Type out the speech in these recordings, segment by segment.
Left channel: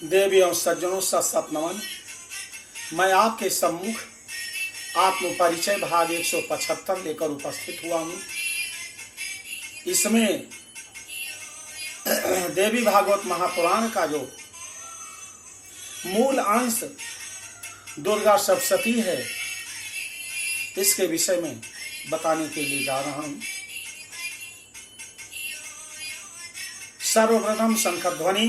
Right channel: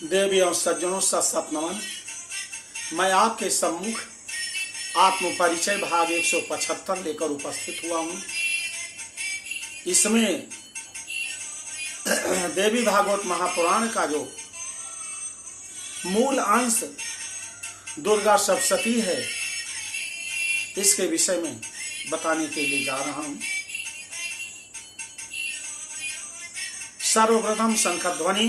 देवी और सज्जनों सत नमन। मैं आपके सम्मुख आत्म परिचय भाग 175 लेकर उपस्थित हुआ हूँ। इसमें देवी भागवत महापुराण का जो मूल अंश दुर्गा सप्तशती है, इसके विषय में बताने के लिए जा रहा हूँ। सर्वप्रथम शंखध्वनि।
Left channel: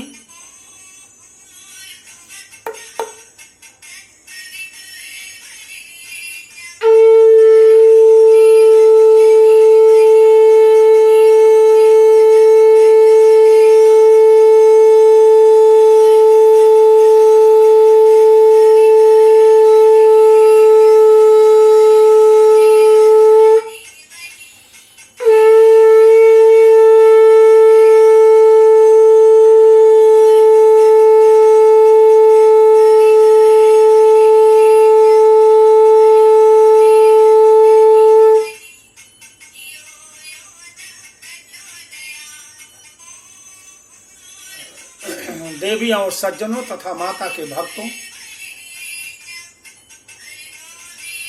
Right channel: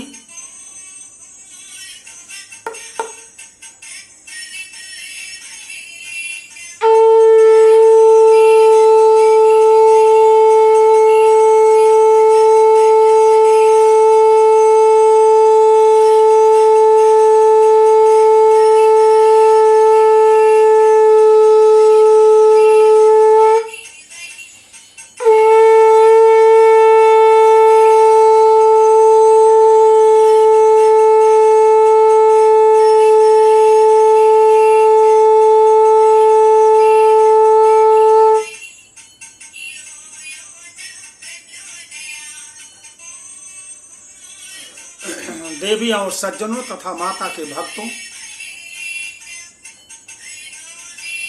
देवी और सज्जनों तथा माता के भक्तों,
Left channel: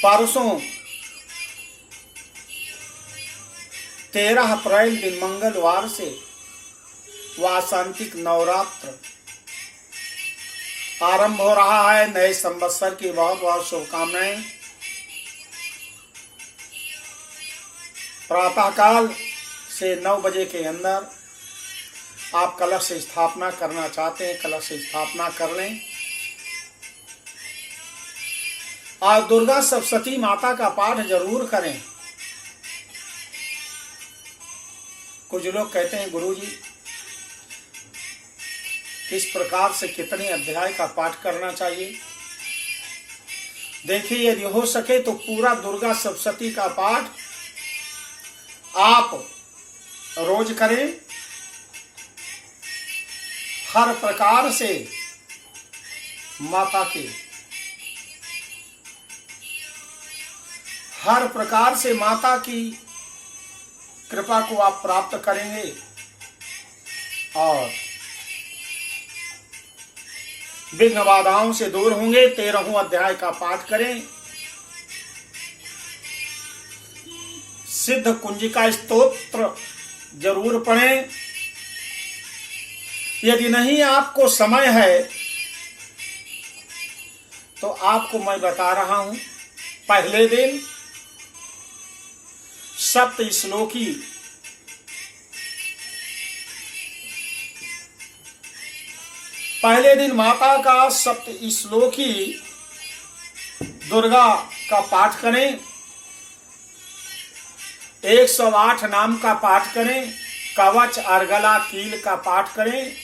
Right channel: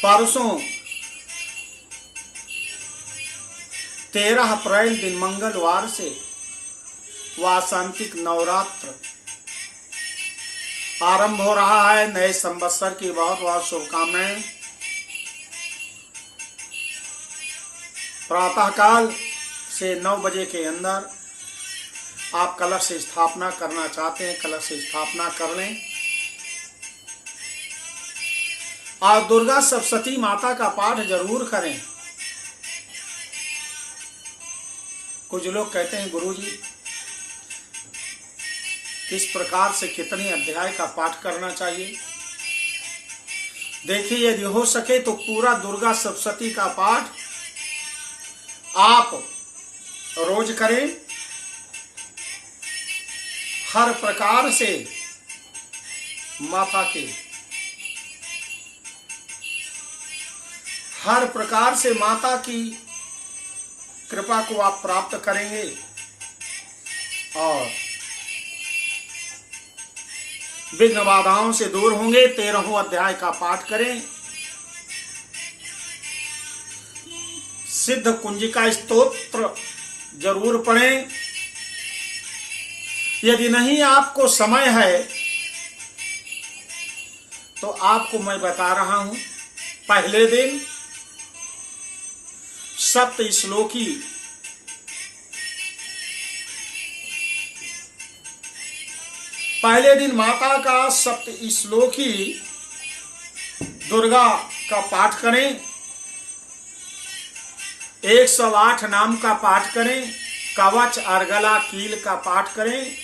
परसों 13 अप्रैल दिन मंगलवार से वासंतिक नवरात्र आरंभ हो रहा है। नए संवत्सर की बहुत बहुत शुभकामनाएं। प्रातःकाल से 9 बजे के अंदर आप कलश स्थापना करना चाहते हैं, कलश स्थापना कर लें। और दुर्गा सप्तशती माता का पाठ जरूर करें। कुछ लोग कहते हैं गुरुजी किस प्रकार से कितने अध्याय का पाठ करना चाहिए। देखिए, यदि हो सके तो पूरा दुर्गा सप्तशती का पाठ आप रोज करें। हर प्रकार से माता के हर प्रकार से माता की कृपा को आप प्राप्त करेंगे और विघ्न बाधाओं से दूर होंगे। 13वां अध्याय का पाठ करें। सिद्ध कुंजिका स्तोत्र जरूर पढ़ें। यदि नहीं आपको समय है तो आपको मैं बता रहा हूं, पहले दिन सप्त श्लोकी पहले दिन माता का सप्त श्लोकी दुर्गा का पाठ करें। 108 नाम का पाठ करें। कवच अर्गला कील का पाठ करें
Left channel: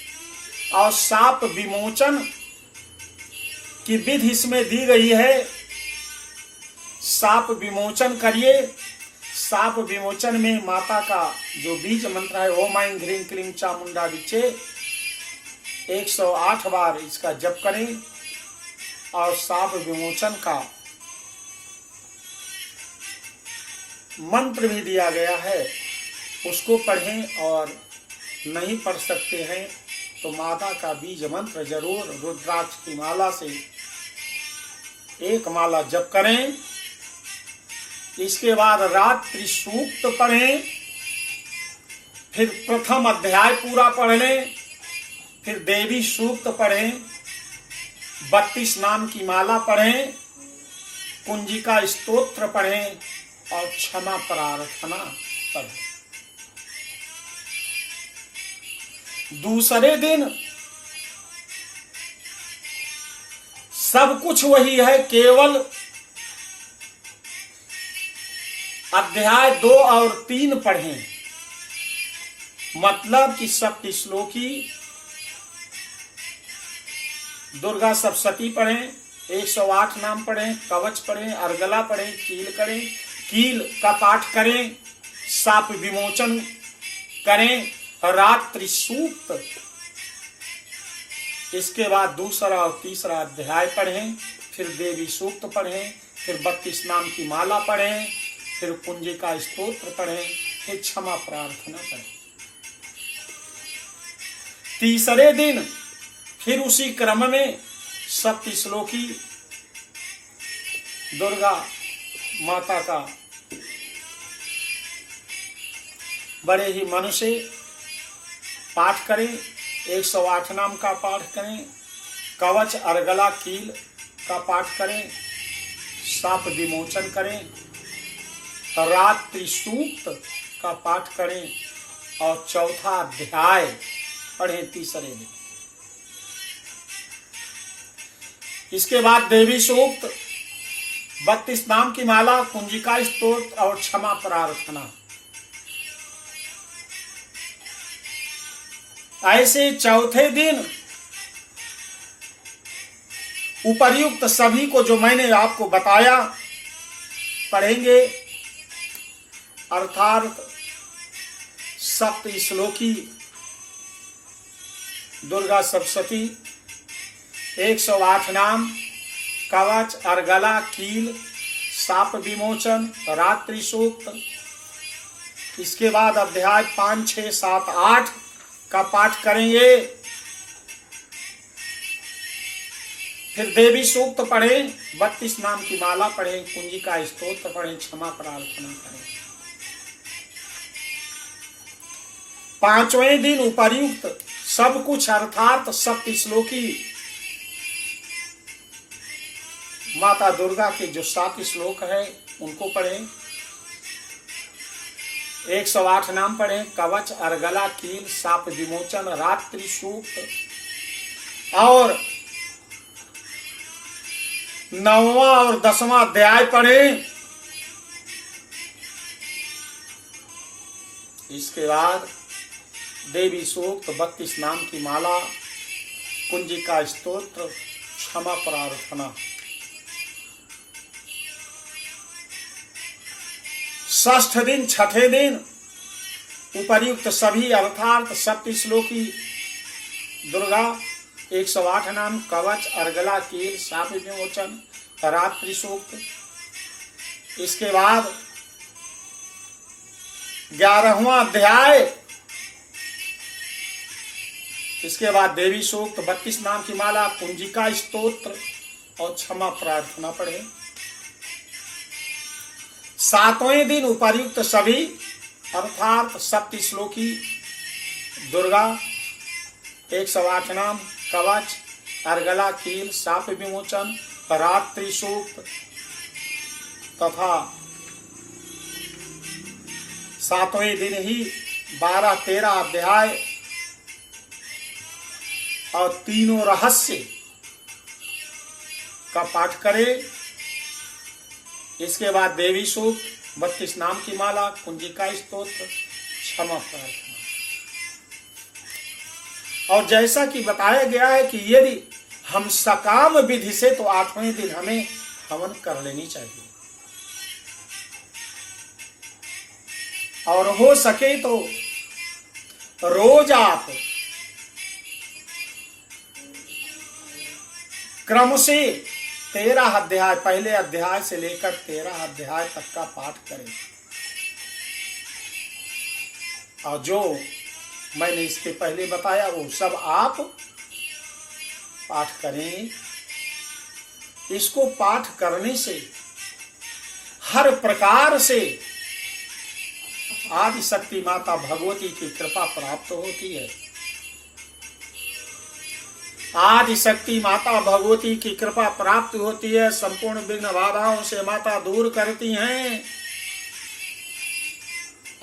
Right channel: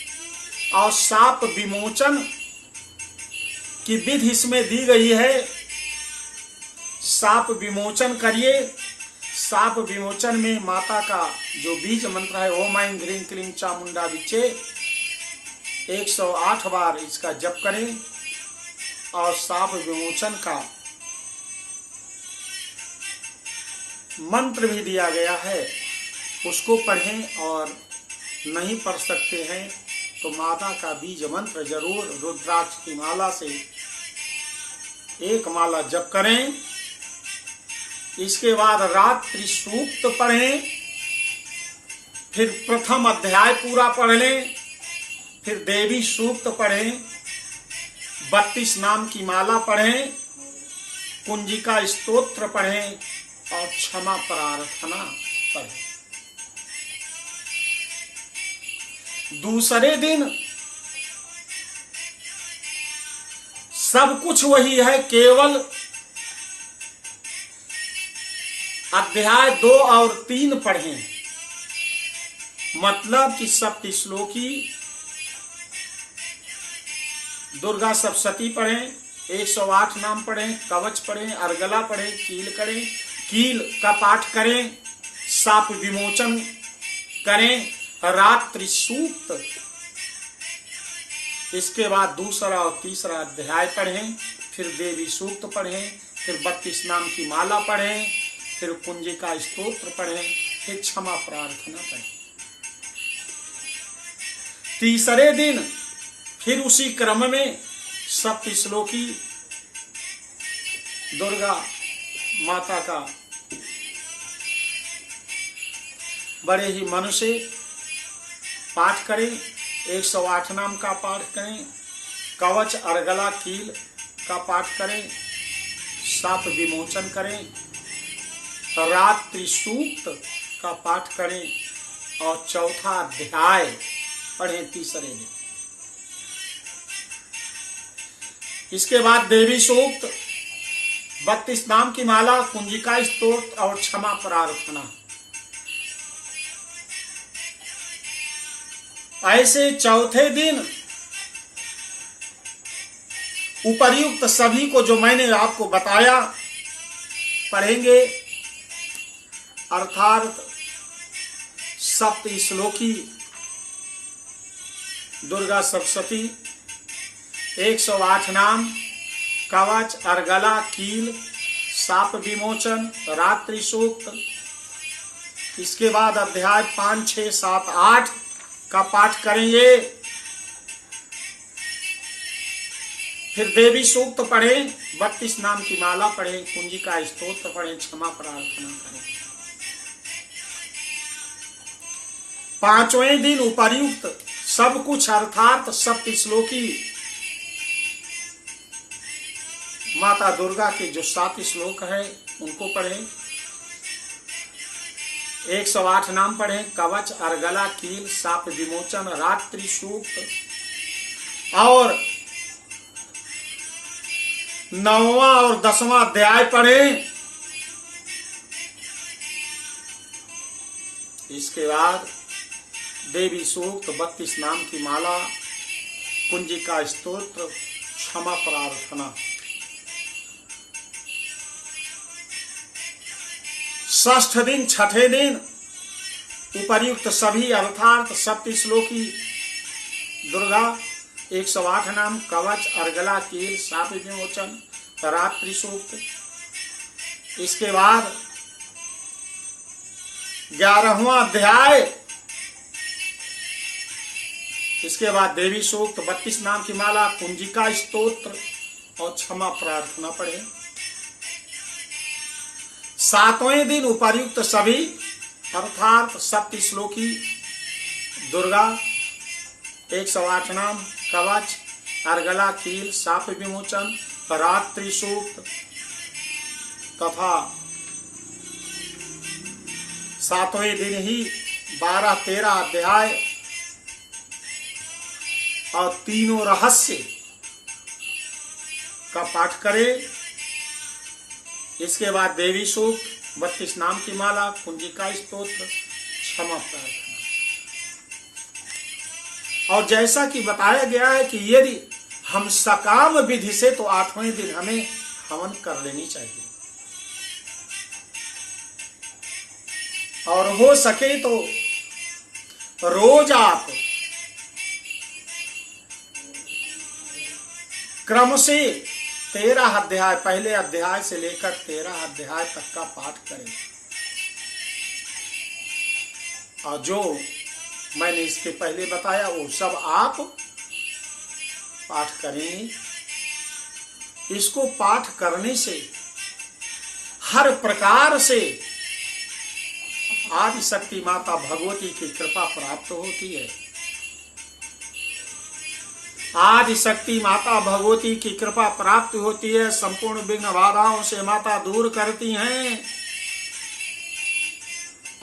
और साप विमोचन की विधि इसमें दी गई है। साप विमोचन करिए। साप विमोचन में माता का जो बीज मंत्र है, ओम ऐं ह्रीं क्लीं चामुंडा विचे, 108 बार इसका जप करें और साप विमोचन का मंत्र भी दिया गया है, उसको पढ़ें। और नहीं पढ़ सकते हैं तो माता का बीज मंत्र जरूर रुद्राक्ष की माला से 1 माला जप करें। इसके बाद रात्रि सूक्त पढ़ें। फिर प्रथम अध्याय पूरा पढ़ लें। फिर देवी सूक्त पढ़ें। 32 नाम की माला पढ़ें। कुंजिका स्तोत्र पढ़ें और क्षमा प्रार्थना पढ़ें। दूसरे दिन सब कुछ वही है, केवल अध्याय 2 और 3 पढ़ें। मतलब कि सप्त श्लोकी दुर्गा सप्तशती पढ़ें, 108 नाम पढ़ें, कवच पढ़ें, अर्गला पढ़ें, कील करें, कील का पाठ करें, साप विमोचन करें, रात्रि सूक्त। इसके बाद दूसरा और तीसरा अध्याय पढ़ें। फिर देवी सूक्त पढ़ें। फिर 32 नाम की माला पढ़ें। फिर कुंजिका स्तोत्र पढ़ें। फिर क्षमा प्रार्थना करें। तीसरे दिन फिर उसी क्रम में सप्तश्लोकी दुर्गा माता का बड़े ही मन से पाठ करें। 108 नाम का पाठ करें, कवच अर्गला कील का पाठ करें, साप विमोचन करें, रात्रि सूक्त का पाठ करें और चौथा अध्याय पढ़ें तीसरे दिन। इसके बाद देवी सूक्त, 32 नाम की माला, कुंजिका स्तोत्र और क्षमा प्रार्थना। ऐसे चौथे दिन उपर्युक्त सभी को जो मैंने आपको बताया पढ़ेंगे, अर्थात सप्तश्लोकी दुर्गा सप्तशती, 108 नाम, कवच अर्गला कील, साप विमोचन, रात्रि सूक्त। इसके बाद अध्याय 5, 6, 7, 8 का पाठ करेंगे। फिर देवी सूक्त पढ़ें, 32 नाम की माला पढ़ें, कुंजिका स्तोत्र पढ़ें, क्षमा प्रार्थना करें। 5वें दिन उपर्युक्त सब कुछ अर्थात सप्तश्लोकी माता दुर्गा के जो 7 श्लोक है उनको पढ़ें। 108 नाम पढ़ें, कवच अर्गला कील, साप विमोचन, रात्रि सूक्त और 9वां और 10वां अध्याय पढ़ें। इसके बाद देवी सूक्त, 32 नाम की माला, कुंजिका स्तोत्र, क्षमा प्रार्थना। षष्ठ दिन, छठे दिन उपर्युक्त सभी अर्थात सप्तश्लोकी दुर्गा, 108 नाम, कवच अर्गला कील, साप विमोचन, रात्रि सूक्त। इसके बाद 11वां अध्याय, इसके बाद देवी सूक्त, 32 नाम की माला, कुंजिका स्तोत्र और क्षमा प्रार्थना पढ़े। 7वें दिन उपर्युक्त सभी अर्थात सप्तश्लोकी दुर्गा, 108 नाम, कवच अर्गला कील, साप विमोचन, रात्रि सूक्त तथा 7वें दिन ही 12-13 अध्याय और तीनों रहस्य का पाठ करें। इसके बाद देवी सूक्त, 32 नाम की माला, कुंजिका स्तोत्र, क्षमा प्रार्थना। और जैसा कि बताया गया है कि यदि हम सकाम विधि से तो 8वें दिन हमें हवन कर लेनी चाहिए, और हो सके तो रोज आप क्रम से 13 अध्याय, पहले अध्याय से लेकर 13 अध्याय तक का पाठ करें। और जो मैंने इसके पहले बताया वो सब आप पाठ करें। इसको पाठ करने से हर प्रकार से आदि शक्ति माता भगवती की कृपा प्राप्त होती है। आदि शक्ति माता भगवती की कृपा प्राप्त होती है, संपूर्ण विघ्न बाधाओं से माता दूर करती हैं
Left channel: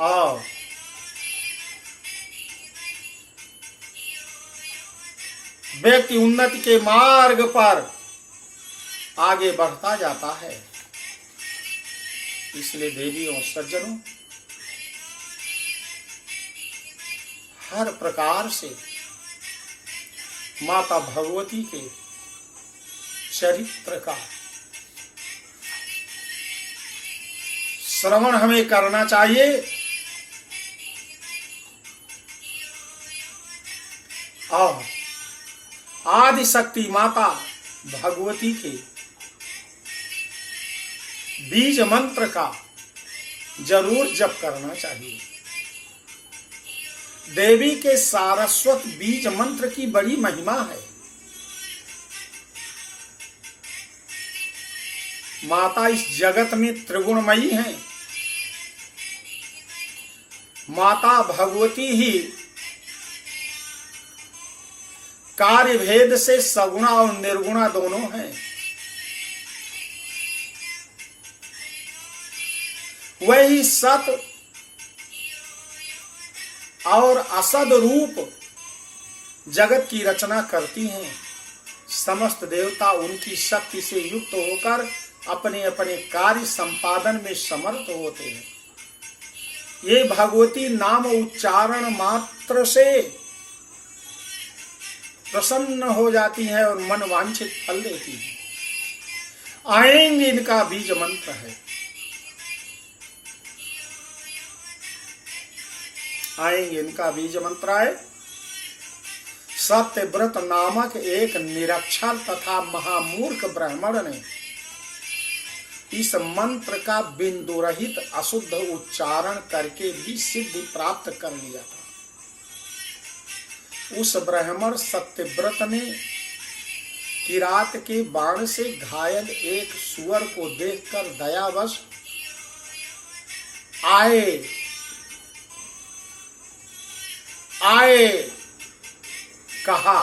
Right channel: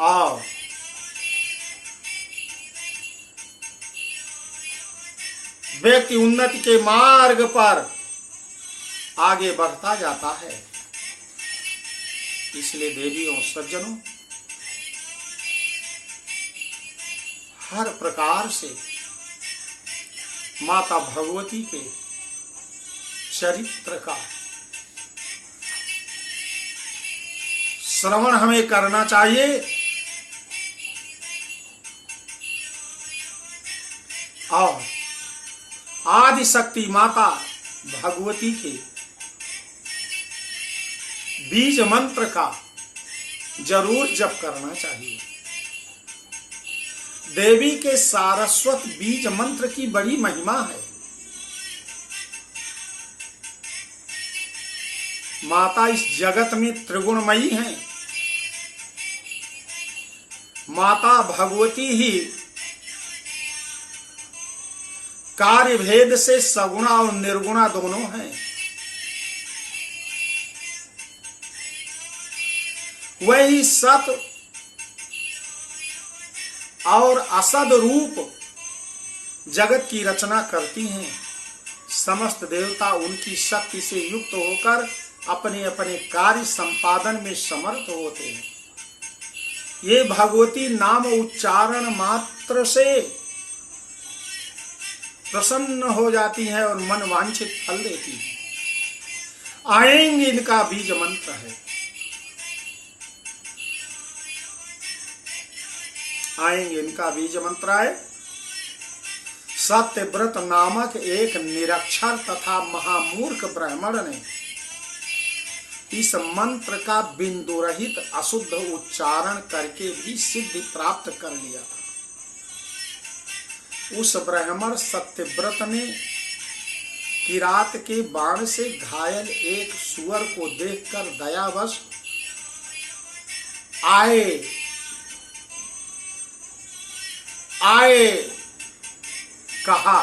और व्यक्ति उन्नति के मार्ग पर आगे बढ़ता जाता है। इसलिए देवी और सज्जनों, हर प्रकार से माता भगवती के चरित्र का श्रवण हमें करना चाहिए और आदि शक्ति माता भगवती के बीज मंत्र का जरूर जप करना चाहिए। देवी के सारस्वत बीज मंत्र की बड़ी महिमा है। माता इस जगत में त्रिगुणमयी हैं। माता भगवती ही कार्य भेद से सगुणा और निर्गुणा दोनों हैं। वही सत और असद रूप जगत की रचना करती हैं। समस्त देवता उनकी शक्ति से युक्त होकर अपने अपने कार्य संपादन में समर्थ होते हैं। ये भगवती नाम उच्चारण मात्र से प्रसन्न हो जाती है और मन वांछित फल देती है। आएंगे इनका बीज मंत्र है। आएंगे इनका बीज मंत्र है। सत्यव्रत नामक एक निरक्षर तथा महामूर्ख ब्राह्मण ने इस मंत्र का बिंदु रहित अशुद्ध उच्चारण करके भी सिद्धि प्राप्त कर लिया था। उस ब्राह्मण सत्यव्रत ने किरात के बाण से घायल एक सुअर को देखकर दयावश आए कहा,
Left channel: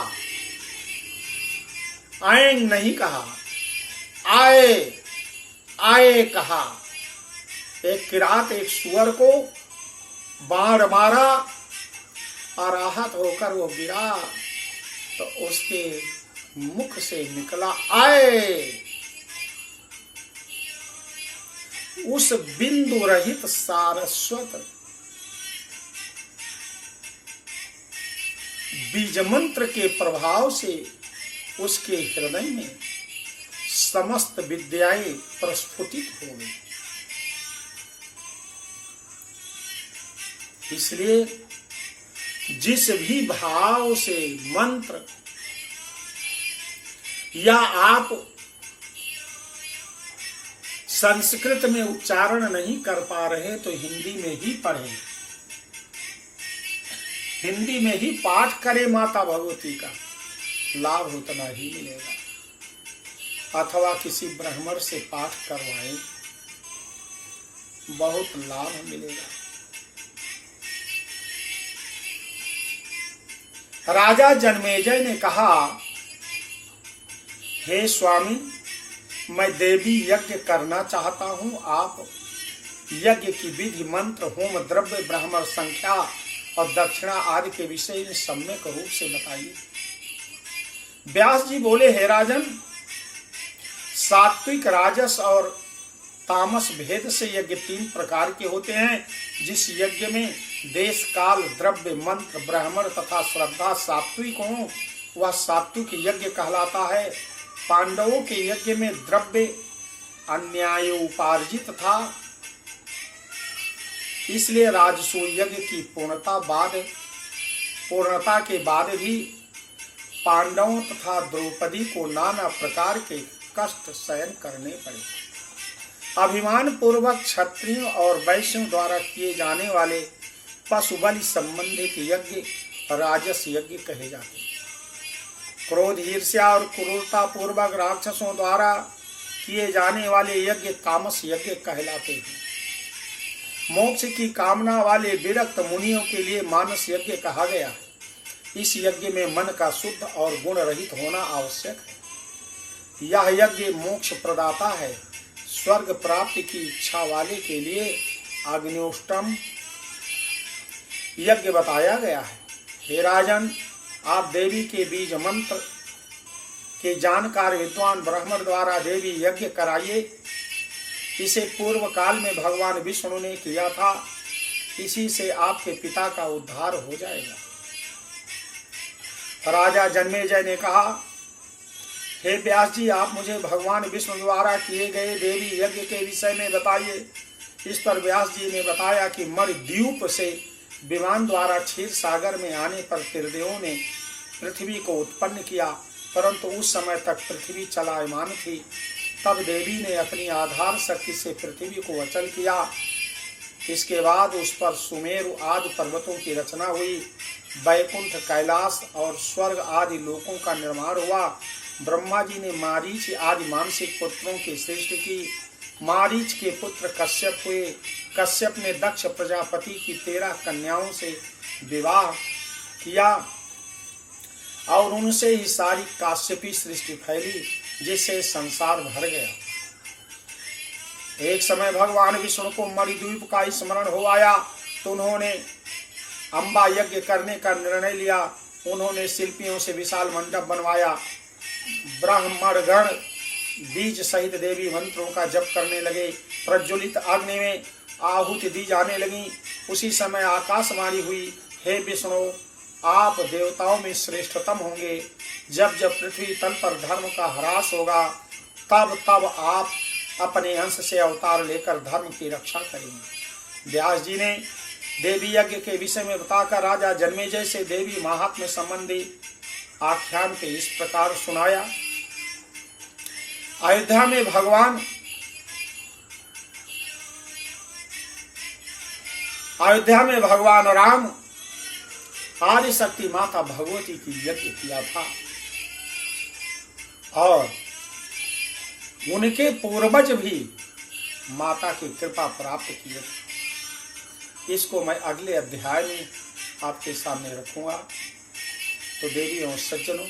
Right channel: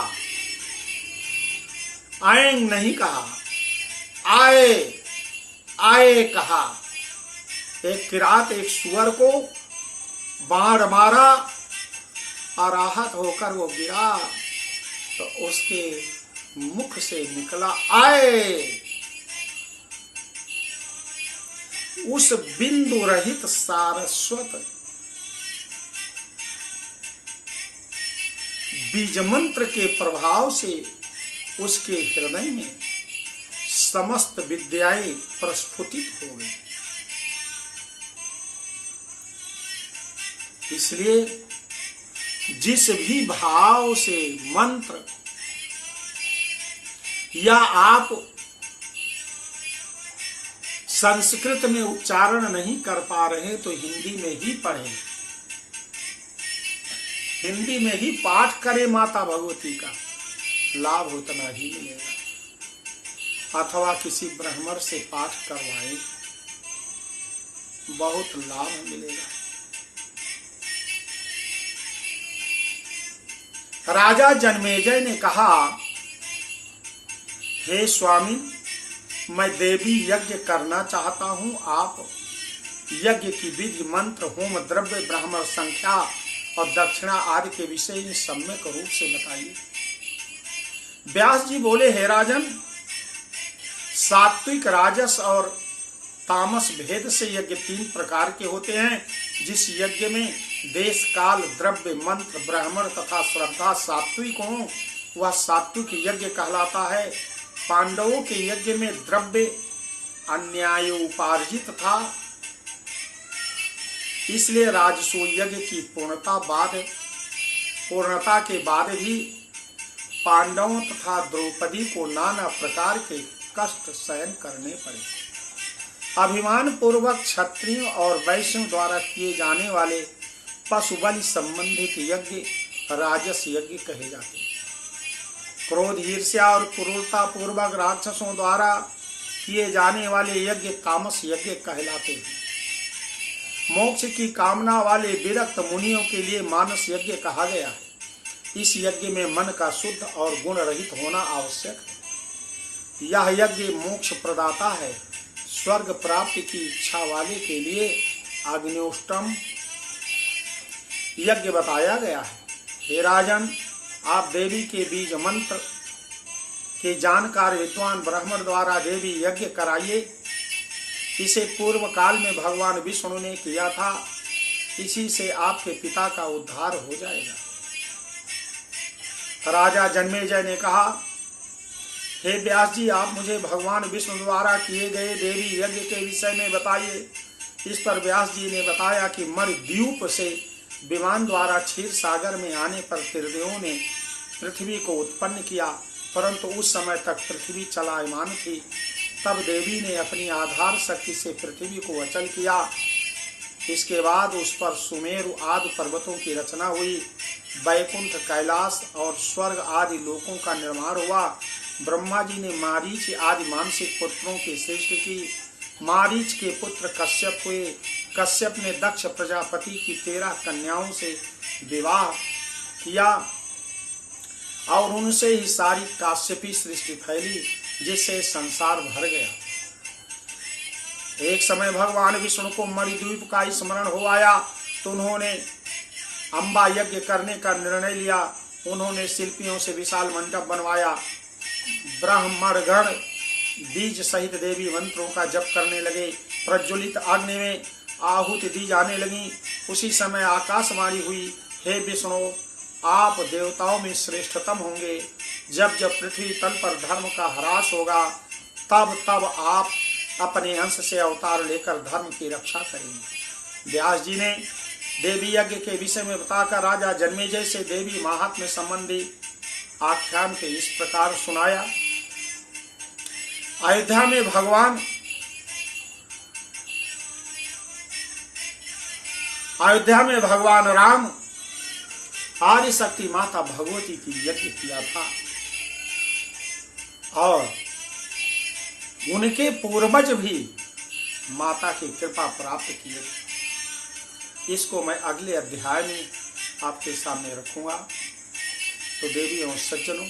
आएंग नहीं कहा, आए कहा। एक किरात एक सुअर को बाण मारा और आहत होकर वो गिरा तो उसके मुख से निकला आए। उस बिंदु रहित सारस्वत बीज मंत्र के प्रभाव से उसके हृदय में समस्त विद्याएं प्रस्फुटित हो गई। इसलिए जिस भी भाव से मंत्र या आप संस्कृत में उच्चारण नहीं कर पा रहे तो हिंदी में ही पढ़ें, हिंदी में ही पाठ करें। माता भगवती का लाभ उतना ही मिलेगा। अथवा किसी ब्राह्मण से पाठ करवाएं, बहुत लाभ मिलेगा। राजा जन्मेजय ने कहा, हे स्वामी, मैं देवी यज्ञ करना चाहता हूं। आप यज्ञ की विधि, मंत्र, होम द्रव्य, ब्राह्मण संख्या और दक्षिणा आदि के विषय में सम्यक रूप से बताइए। व्यास जी बोले, हे राजन, सात्विक, राजस और तामस भेद से यज्ञ 3 प्रकार के होते हैं। जिस यज्ञ में देश, काल, द्रव्य, मंत्र, ब्राह्मण तथा श्रद्धा सात्विक हो वह सात्विक यज्ञ कहलाता है। पांडवों के यज्ञ में द्रव्य अन्याय उपार्जित था, इसलिए राजसू यज्ञ की पूर्णता के बाद भी पांडवों तथा द्रौपदी को नाना प्रकार के कष्ट सहन करने पड़े। अभिमान पूर्वक क्षत्रियों और वैश्यों द्वारा किए जाने वाले पशु बलि संबंधित यज्ञ राजस यज्ञ कहे जाते हैं। क्रोध, ईर्ष्या और क्रूरता पूर्वक राक्षसों द्वारा किए जाने वाले यज्ञ तामस यज्ञ कहलाते हैं। मोक्ष की कामना वाले विरक्त मुनियों के लिए मानस यज्ञ कहा गया है। इस यज्ञ में मन का शुद्ध और गुण रहित होना आवश्यक है। यह यज्ञ मोक्ष प्रदाता है। स्वर्ग प्राप्ति की इच्छा वाले के लिए अग्निष्टोम यज्ञ बताया गया है। हे राजन, आप देवी के बीज मंत्र के जानकार विद्वान ब्राह्मण द्वारा देवी यज्ञ कराइए। इसे पूर्व काल में भगवान विष्णु ने किया था। इसी से आपके पिता का उद्धार हो जाएगा। राजा जन्मेजय ने कहा, हे व्यास जी, आप मुझे भगवान विष्णु द्वारा किए गए देवी यज्ञ के विषय में बताइए। इस पर व्यास जी ने बताया कि मरद्वीप से विमान द्वारा क्षीर सागर में आने पर त्रिदेवों ने पृथ्वी को उत्पन्न किया, परंतु उस समय तक पृथ्वी चलायमान थी। तब देवी ने अपनी आधार शक्ति से पृथ्वी को अचल किया। इसके बाद उस पर सुमेरु आदि पर्वतों की रचना हुई वैकुंठ, कैलाश और स्वर्ग आदि लोकों का निर्माण हुआ। ब्रह्मा जी ने मारीच आदि मानसिक पुत्रों की सृष्टि की। मारीच के पुत्र कश्यप हुए। कश्यप ने दक्ष प्रजापति की 13 कन्याओं से विवाह किया और उनसे ही सारी काश्यपी सृष्टि फैली, जिससे संसार भर गया। एक समय भगवान विष्णु को मणिद्वीप का स्मरण हो आया तो उन्होंने अम्बा यज्ञ करने का निर्णय लिया। उन्होंने शिल्पियों से विशाल मंडप बनवाया। ब्राह्मणगण बीज सहित देवी मंत्रों का जप करने लगे। प्रज्वलित अग्नि में आहुति दी जाने लगी। उसी समय आकाशवाणी हुई, हे विष्णु, आप देवताओं में श्रेष्ठतम होंगे। जब जब पृथ्वी तल पर धर्म का ह्रास होगा, तब तब आप अपने अंश से अवतार लेकर धर्म की रक्षा करेंगे। व्यास जी ने देवी यज्ञ के विषय में बताकर राजा जन्मेजय से देवी महात्म्य संबंधी आख्यान के इस प्रकार सुनाया। अयोध्या में भगवान राम आदि शक्ति माता भगवती की यज्ञ किया था और उनके पूर्वज भी माता की कृपा प्राप्त किए थे। इसको मैं अगले अध्याय में आपके सामने रखूंगा। तो देवी और सज्जनों,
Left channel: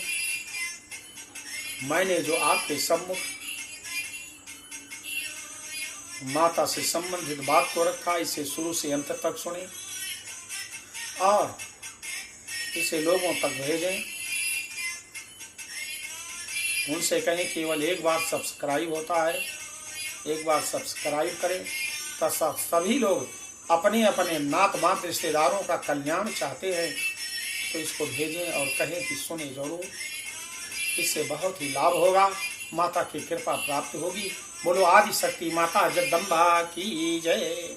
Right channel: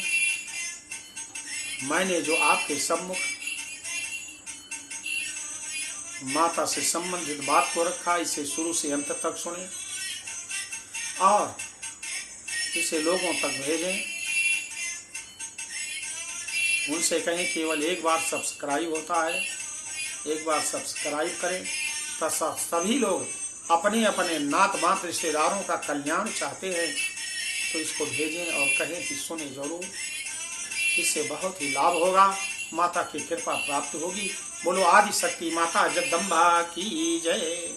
मैंने जो आपके सम्मुख माता से संबंधित बात को रखा, इसे शुरू से अंत तक सुने और इसे लोगों तक भेजें। उनसे कहें केवल एक बार सब्सक्राइब होता है, एक बार सब्सक्राइब करें। तो सभी लोग अपने अपने नात मात रिश्तेदारों का कल्याण चाहते हैं तो इसको भेजें और कहें कि सुने जरूर। इससे बहुत ही लाभ होगा, माता की कृपा प्राप्त होगी। बोलो आदि शक्ति माता जगदम्बा की जय।